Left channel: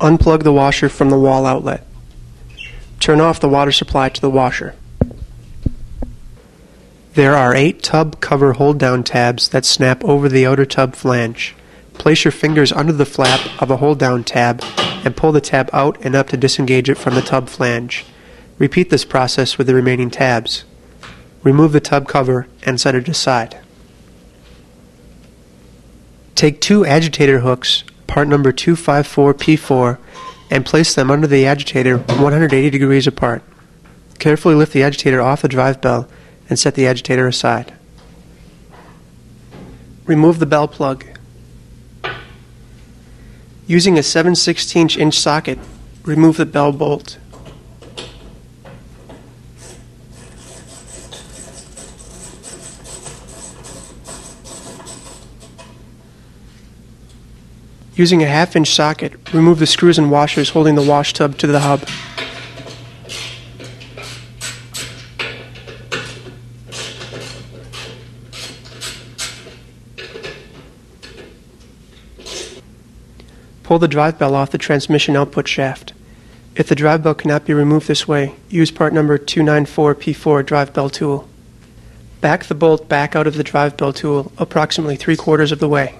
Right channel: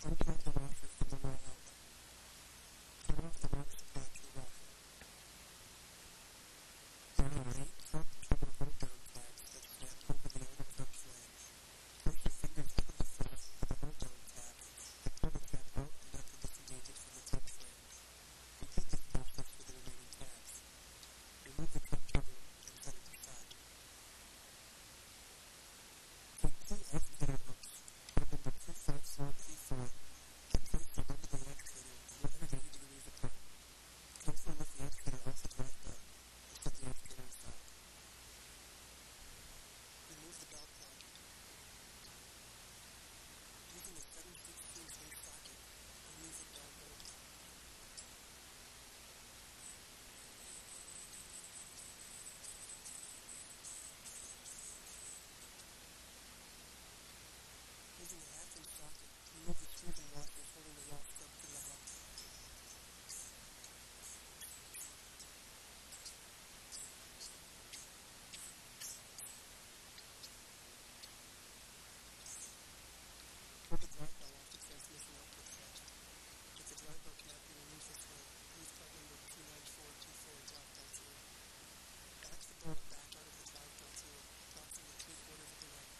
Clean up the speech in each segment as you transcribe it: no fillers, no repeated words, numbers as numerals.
Unplug the washer from the wall outlet. Turn off the water supply to the washer. There are 8 tub cover hold-down tabs that snap over the outer tub flange. Place your fingers under the flap of a hold-down tab and pull the tab out and up to disengage it from the tub flange. Repeat this process with the remaining tabs. Remove the tub cover and set it aside. Take 2 agitator hooks, part number 254P4, and place them under the agitator 180 degrees apart. Carefully lift the agitator off the drive bell and set the agitator aside. Remove the bell plug. Using a 7/16" socket, remove the bell bolt. Using a 1/2" socket, remove the screws and washers holding the wash tub to the hub. Pull the drive bell off the transmission output shaft. If the drive bell cannot be removed this way, use part number 294P4 drive bell tool. Back the bolt back out of the drive bell tool approximately 3/4 of the way.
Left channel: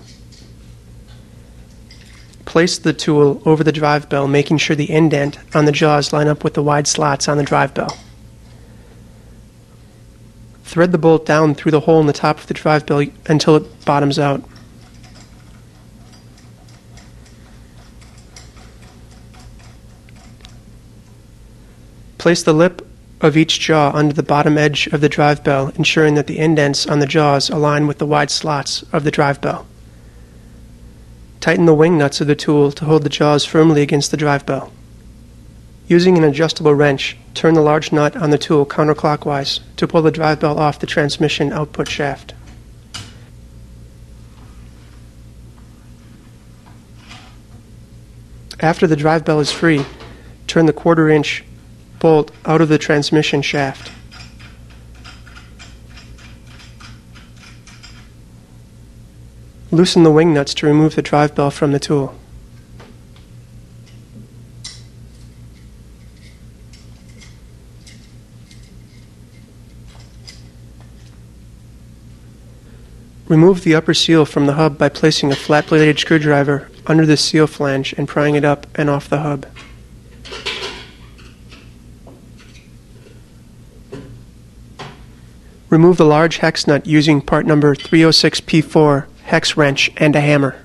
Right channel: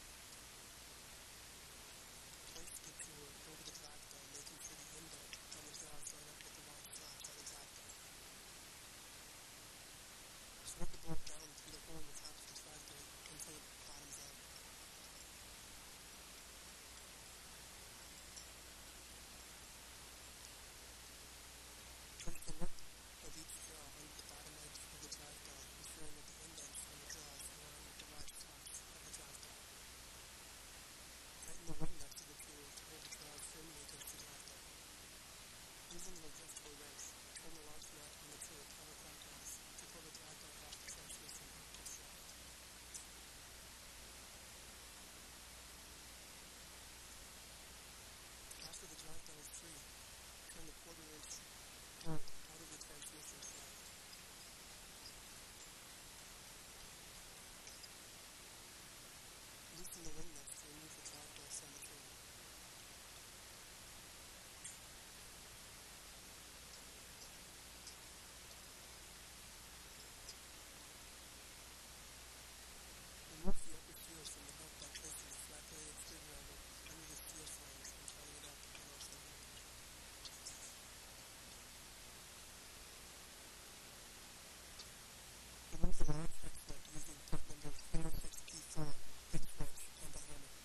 Place the tool over the drive bell, making sure the indent on the jaws line up with the wide slots on the drive bell. Thread the bolt down through the hole in the top of the drive bell until it bottoms out. Place the lip of each jaw under the bottom edge of the drive bell, ensuring that the indents on the jaws align with the wide slots of the drive bell. Tighten the wing nuts of the tool to hold the jaws firmly against the drive bell. Using an adjustable wrench, turn the large nut on the tool counterclockwise to pull the drive bell off the transmission output shaft. After the drive bell is free, turn the 1/4" bolt out of the transmission shaft. Loosen the wing nuts to remove the drive bell from the tool. Remove the upper seal from the hub by placing a flat-bladed screwdriver under the seal flange and prying it up and off the hub. Remove the large hex nut using part number 306P4 hex wrench and a hammer.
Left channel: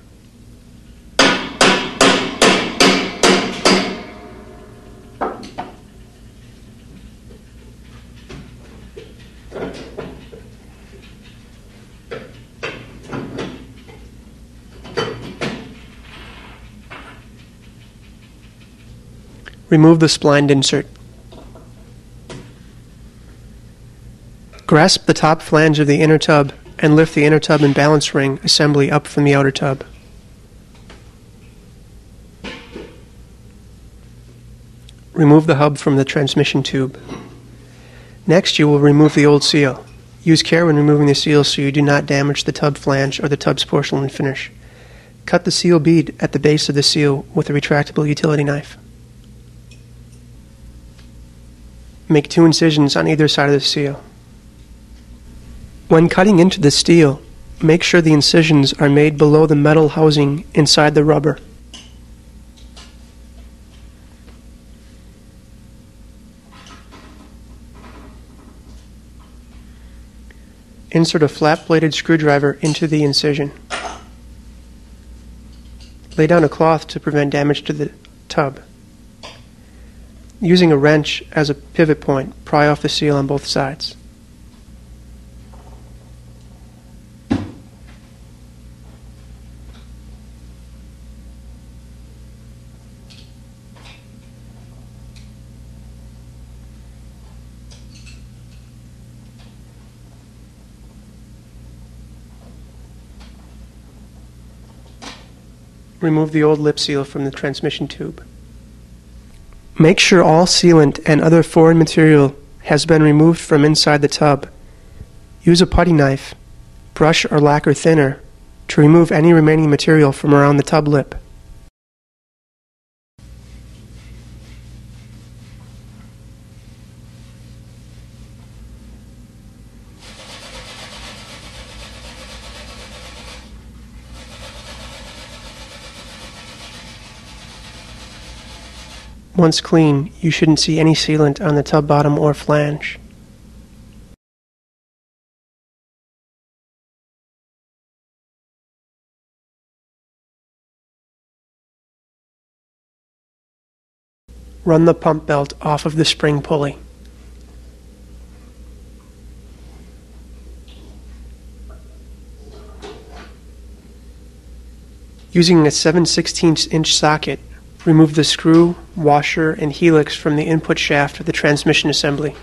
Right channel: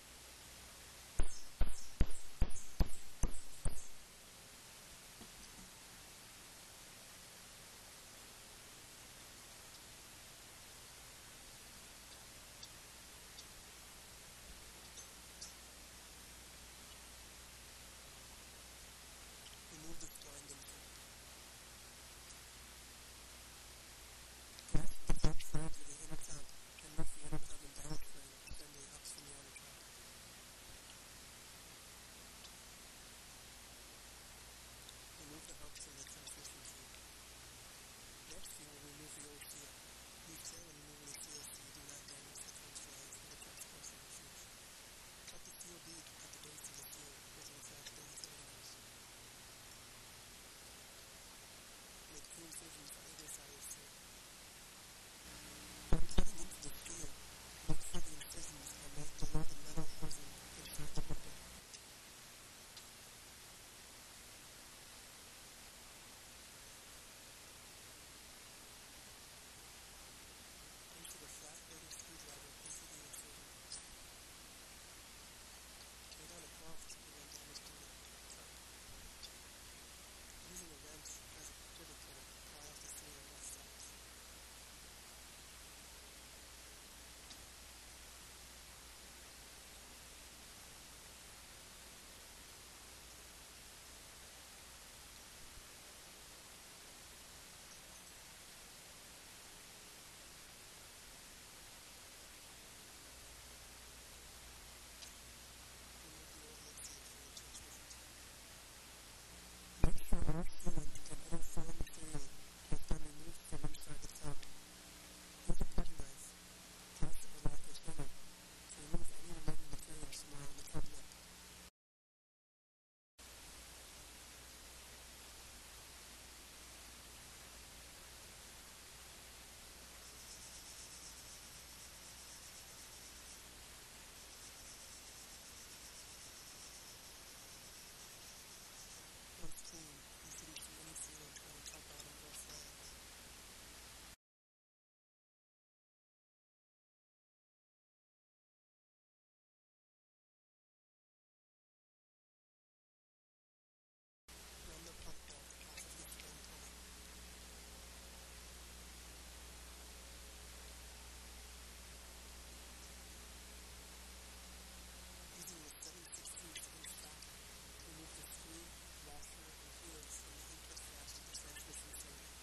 Remove the splined insert. Grasp the top flange of the inner tub and lift the inner tub and balance ring assembly up from the outer tub. Remove the hub from the transmission tube. Next, you will remove the old seal. Use care when removing the seal so you do not damage the tub flange or the tub's porcelain finish. Cut the seal bead at the base of the seal with a retractable utility knife. Make 2 incisions on either side of the seal. When cutting into the steel, make sure the incisions are made below the metal housing inside the rubber. Insert a flat-bladed screwdriver into the incision. Lay down a cloth to prevent damage to the tub. Using a wrench as a pivot point, pry off the seal on both sides. remove the old lip seal from the transmission tube. Make sure all sealant and other foreign material has been removed from inside the tub. Use a putty knife, brush or lacquer thinner to remove any remaining material from around the tub lip. Once clean, you shouldn't see any sealant on the tub bottom or flange. Run the pump belt off of the spring pulley. Using a 7/16" socket, remove the screw, washer, and helix from the input shaft of the transmission assembly.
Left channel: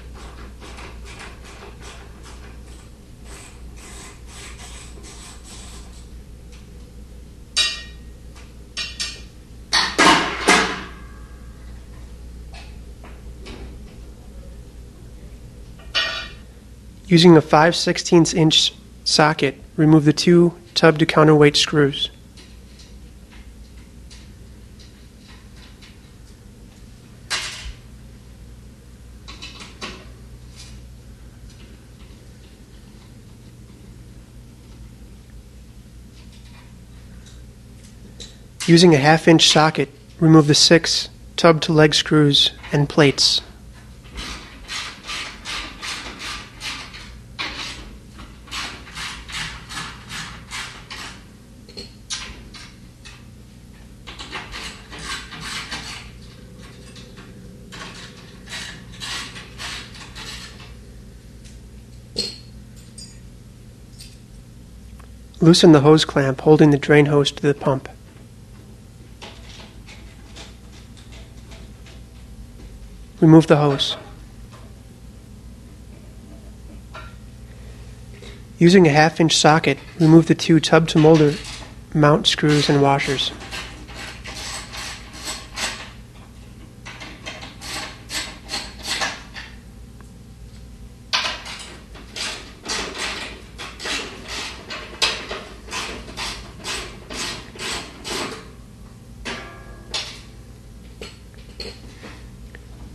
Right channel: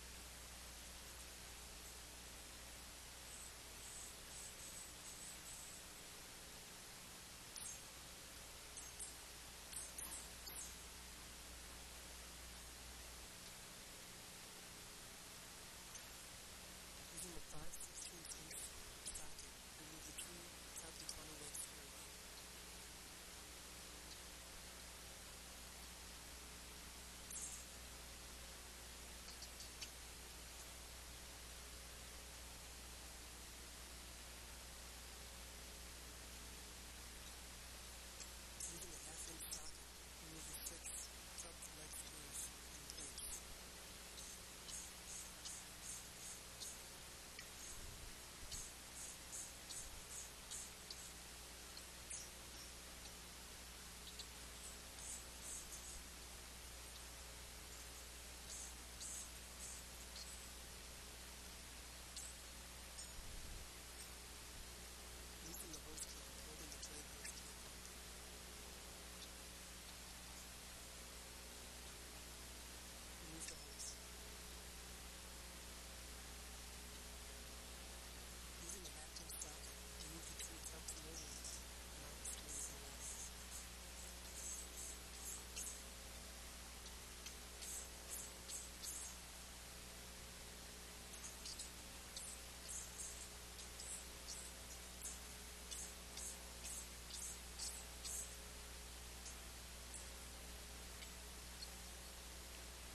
Using a 5/16" socket, remove the two tub to counterweight screws. Using a 1/2" socket, remove the 6 tub to leg screws and plates. Loosen the hose clamp holding the drain hose to the pump. Remove the hose. Using a 1/2" socket, remove the 2 tub to molder mount screws and washers.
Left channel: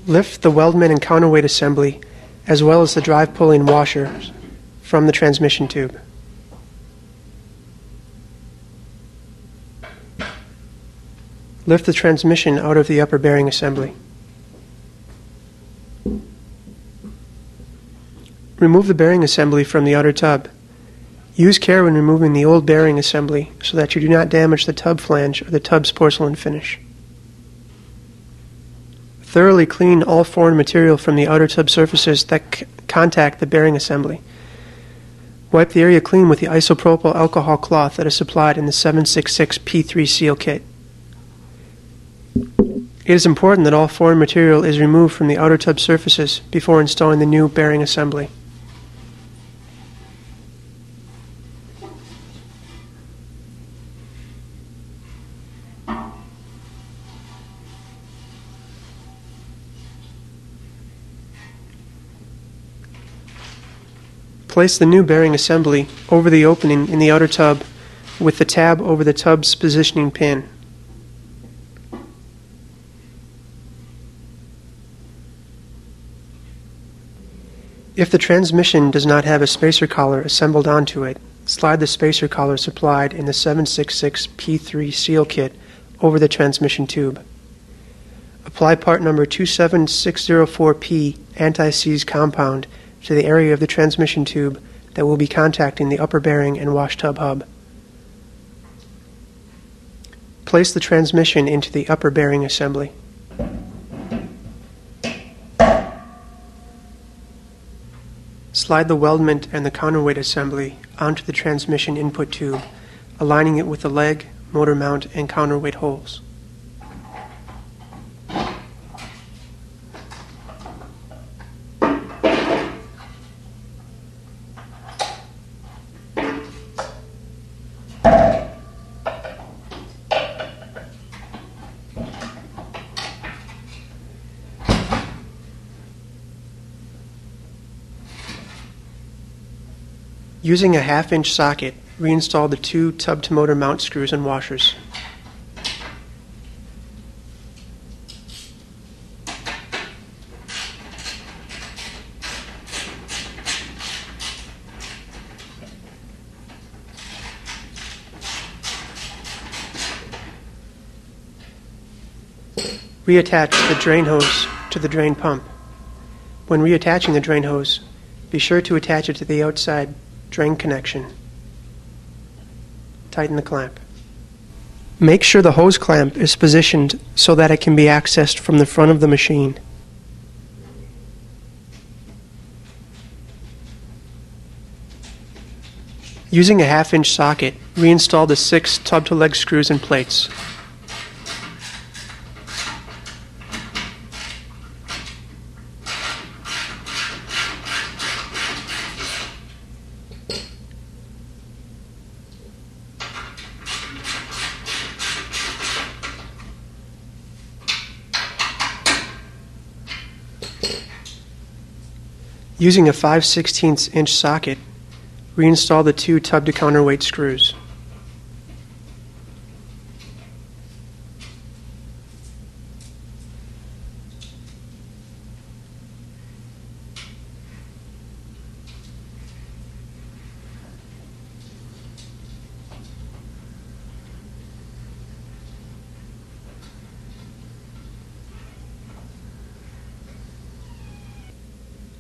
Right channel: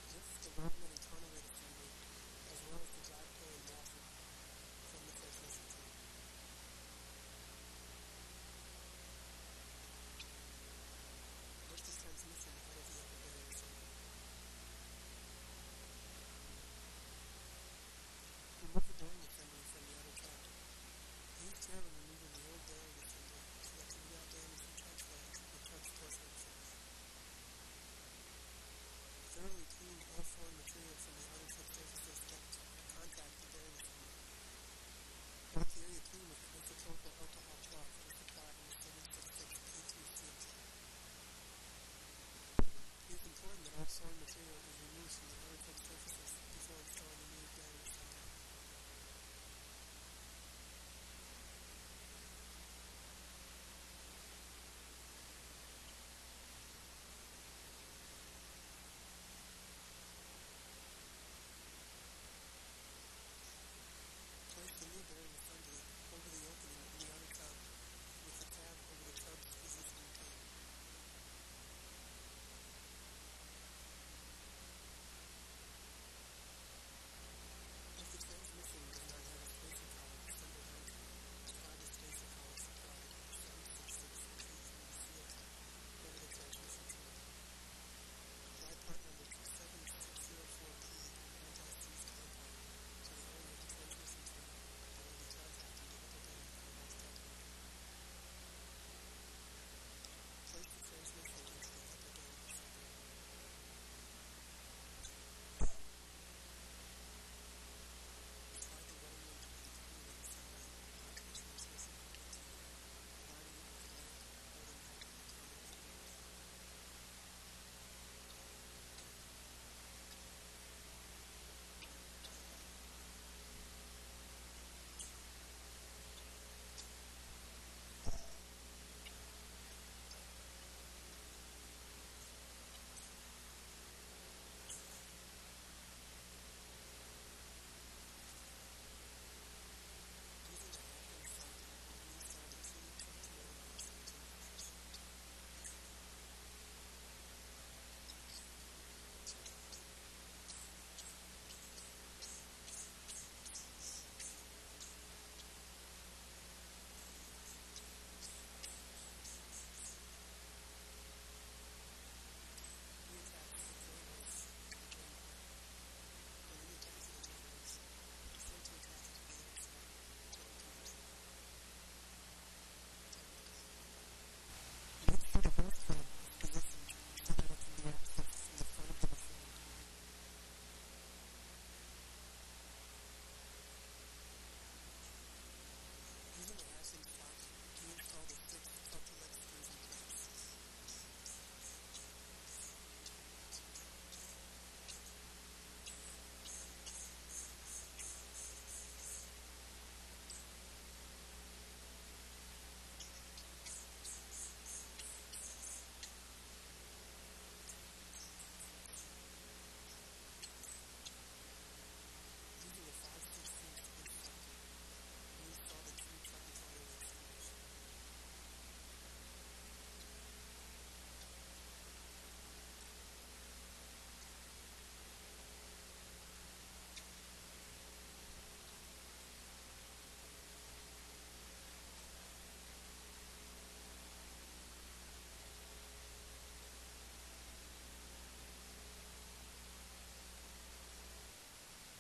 Lift the weldment and counterweight assembly, as well as the drive pulley and washers, from the transmission tube. Lift the transmission out of the upper bearing assembly. Remove the bearing assembly from the outer tub. Use care when removing the old bearing assembly so that you do not damage the tub flange or the tub's porcelain finish. Thoroughly clean all foreign material from the outer tub surfaces that contact the bearing assembly. Wipe the area clean with the isopropyl alcohol cloth that is supplied in the 766 P3 seal kit. It is important that all foreign material is removed from the outer tub surfaces before installing the new bearing assembly. Place the new bearing assembly over the opening in the outer tub with the tab over the tub's positioning pin. If the transmission does not have a spacer collar assembled onto it, slide the spacer collar supplied in the 766 P3 seal kit over the transmission tube. Apply part number 27604P anti-seize compound to the area of the transmission tube that will be contacting the upper bearing and wash tub hub. Place the transmission into the upper bearing assembly. Slide the weldment and the counterweight assembly onto the transmission input tube, aligning it with the leg, motor mount, and counterweight holes. Using a 1/2-inch socket, reinstall the 2 tub-to-motor mount screws and washers. Reattach the drain hose to the drain pump. When reattaching the drain hose, be sure to attach it to the outside drain connection. Tighten the clamp. Make sure the hose clamp is positioned so that it can be accessed from the front of the machine. Using a 1/2-inch socket, reinstall the 6 tub-to-leg screws and plates. Using a 5/16-inch socket, reinstall the 2 tub-to-counterweight screws.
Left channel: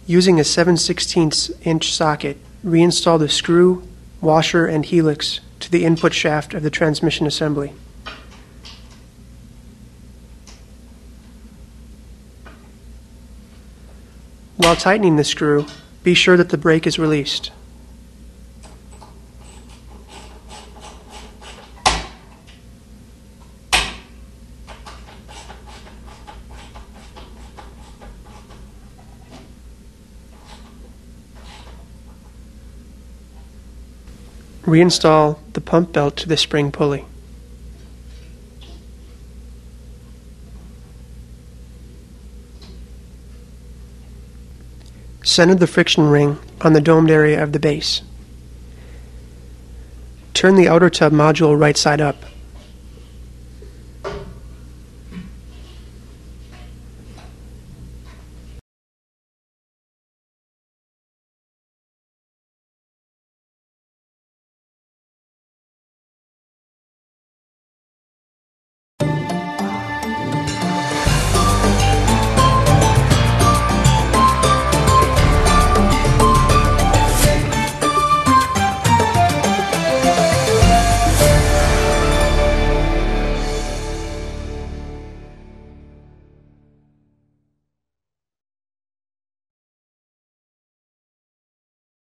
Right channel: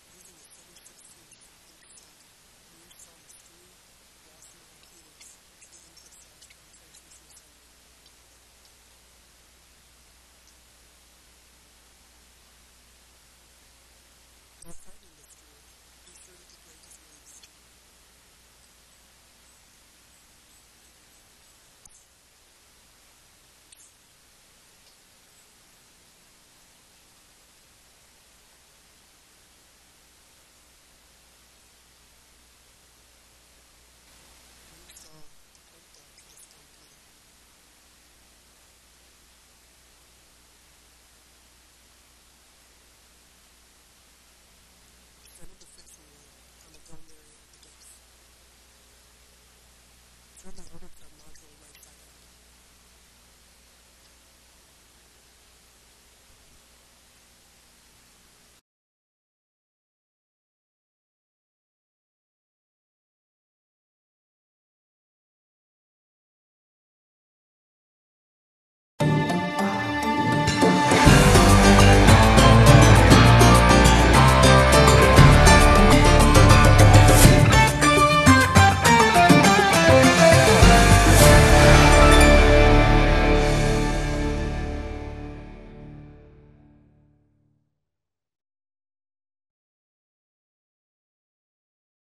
Using a 7/16-inch socket, reinstall the screw, washer, and helix to the input shaft of the transmission assembly. While tightening the screw, be sure that the brake is released. Reinstall the pump belt to the spring pulley. Center the friction ring on the domed area of the base. Turn the outer tub module right side up.